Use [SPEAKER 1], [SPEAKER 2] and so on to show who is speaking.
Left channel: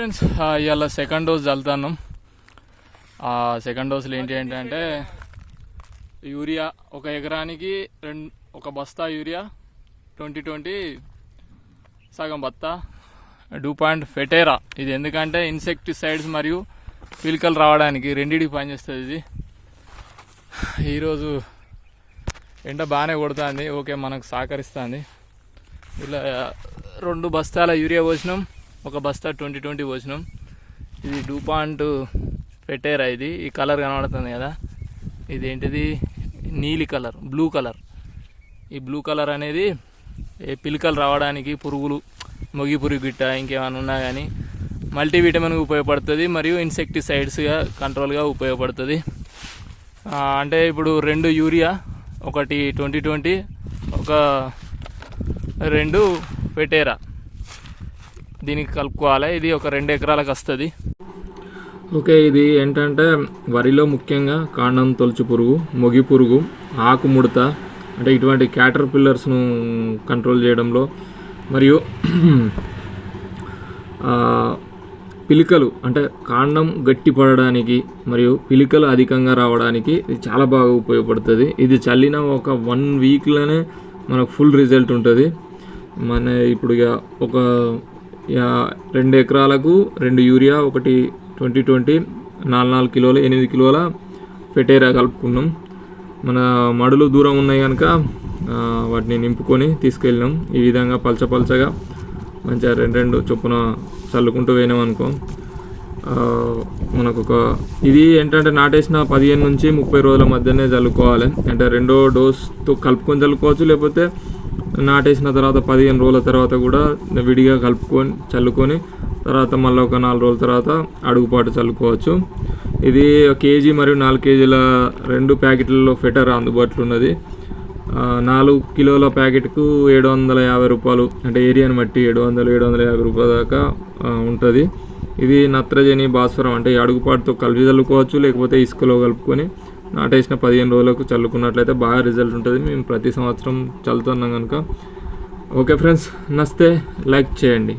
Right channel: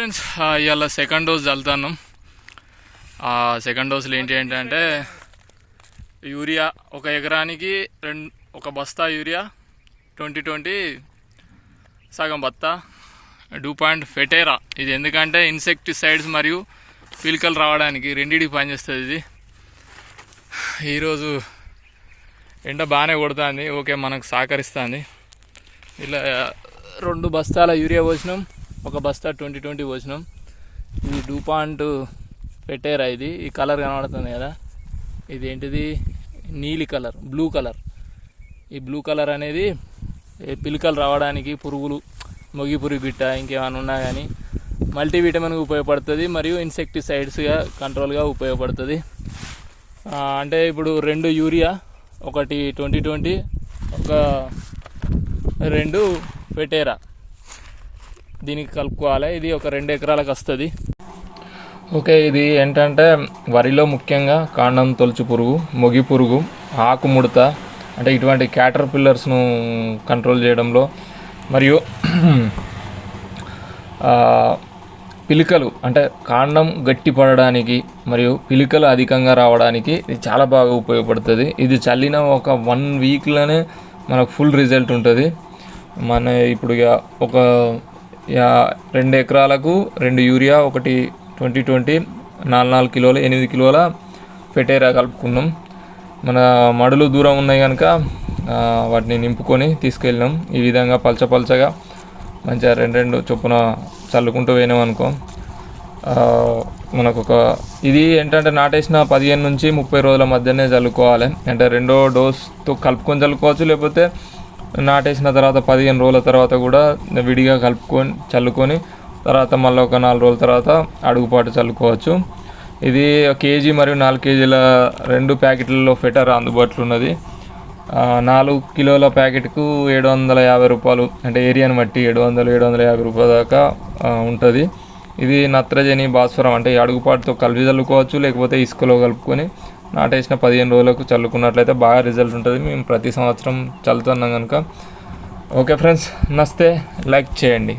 [SPEAKER 1] Friends ఇవాళ second dose చల్లుతాను ఆ second డోసులు ఏంటి ఏంటంటే యూరియా ఒక ఎకరానికి రెండు ఒక బస్తా యూరియా ట్వంటీ ట్వంటీ సగం బత్తా డూ పాయింట్ ఫెటేరా. ఇది ఎందుకంటే ఇన్సెక్టిసైడ్స్ మరియు పిలికలు రావడానికి రెండింటికి పనిచేస్తుంది ఇది. ఈరోజు ఎండ బాగానే కొడుతుంది ఓకే మనకు సహకరిస్తుంది. ఇలా రెండు బస్తాల యూరియా పోసినాం. ఒక బస్తా ట్వంటీ ట్వంటీ పోసినాం. ఇది డూ పెట్టేరా పెట్టారా ఇది? ఈ కలర్ కనబడుతుంది కదా. ఇది ఏంటిది నీలి కలర్ బ్లూ కలర్. ఈ బ్లూ కలర్ అనేది పిలికలు రావడానికి పురుగులు మొగి పురుగు గిట్ట ఇంకేమైనా ఉన్నా కానీ మల్టీవిటమిన్గా ఉపయోగపడుతుంది మరియు ఇన్సెక్టిసైడ్స్గా కంట్రోల్గా ఉపయోగపడుతుంది. అంటే ఇప్పుడు రెండు యూరియా ఒకటి ట్వంటీ ట్వంటీ ఒక రెండు పెట్టేరా దీనికి కలుపుకోవాలి. ఇది ఒక రెండు ఎకరాలకు వస్తుంది. ఓకే ఇది ఏంటంటే వరిలో ముఖ్యంగా కాండం తొలుచు పురుగు మొగి పురుగు ఆకు ముడత అంటే ఇటువంటి క్యాటర్ పిల్లర్స్ను కంట్రోల్ చేయడంలో మరియు పిలికలు అంటే కాండం గట్టి పడడానికి మరియు పిలికలు అధికంగా రావడానికి ఇది చాలా బాగా ఉపయోగపడుతుంది. ఇది చల్లిన ఒక వన్ వీక్లోనే మనకు ఫుల్ రిజల్ట్ ఉంటుంది. మన ఇప్పుడు ఇక ఒక రెండు ఎకరాలకు రెండు యూరియా ఒకటి ట్వంటీ ట్వంటీ నాలుగు నాలుగు కిలోలు ఎనిమిది కిలోల ఫెటేరా కలుపుకున్నాం. మన మడులు దూరం ఉన్నాయి కనుక వాటిని నింపుకొని తీసుకెళ్ళినాం. ఈ విధంగా పలచ పలచగా మంచిగా రెండు రెండు చొప్పున చల్లుకుంటూ పోయినాం అనుకో. మనకు ఒక ఇది ఏంటంటే నాటేసిన పదిహేను నుంచి ముప్పై రోజుల మధ్యనే చల్లుకోవాలి. అంటే రెండో డోస్తో కలుపుకొని చల్లుకోవచ్చు లేకపోతే నాటేసిన తర్వాత పదిహేను రోజుల తర్వాత కూడా విడిగా కలుపుకొని చల్లుకొని తర్వాత మళ్ళీ ఒక నాలుగు రోజుల తర్వాత అడుగుపాటు చల్లుకోవచ్చు. ఇది కేజీ మరియు నాలుగు కేజీల రెండు ప్యాకెట్లలో ఫెటర్ అందుబాటులో ఉన్నది. నాలుగు కిలోల ప్యాకెట్కు ఏడు వందల యాభై రూపాయలు అంటే ఏరియాని బట్టి ఏడు వందలు ఏడు వందల యాభై రూపాయల దాకా ఉంటుంది. ఇది నత్రజని భాస్వరం అంటే ఈ అడుగుపాటుతో కలిపి చల్లుకోవచ్చు లేకపోతే ఇసుకలో కలుపుకొని నాటేసిన పదిహేను రోజులకు చల్లుకున్నట్లయితే బాగా రిజల్ట్ ఉంటుంది. మేము ప్రతి సంవత్సరం చల్లుతున్నాం కనుక. Okay friends నస్తే. లైక్ చేయండి.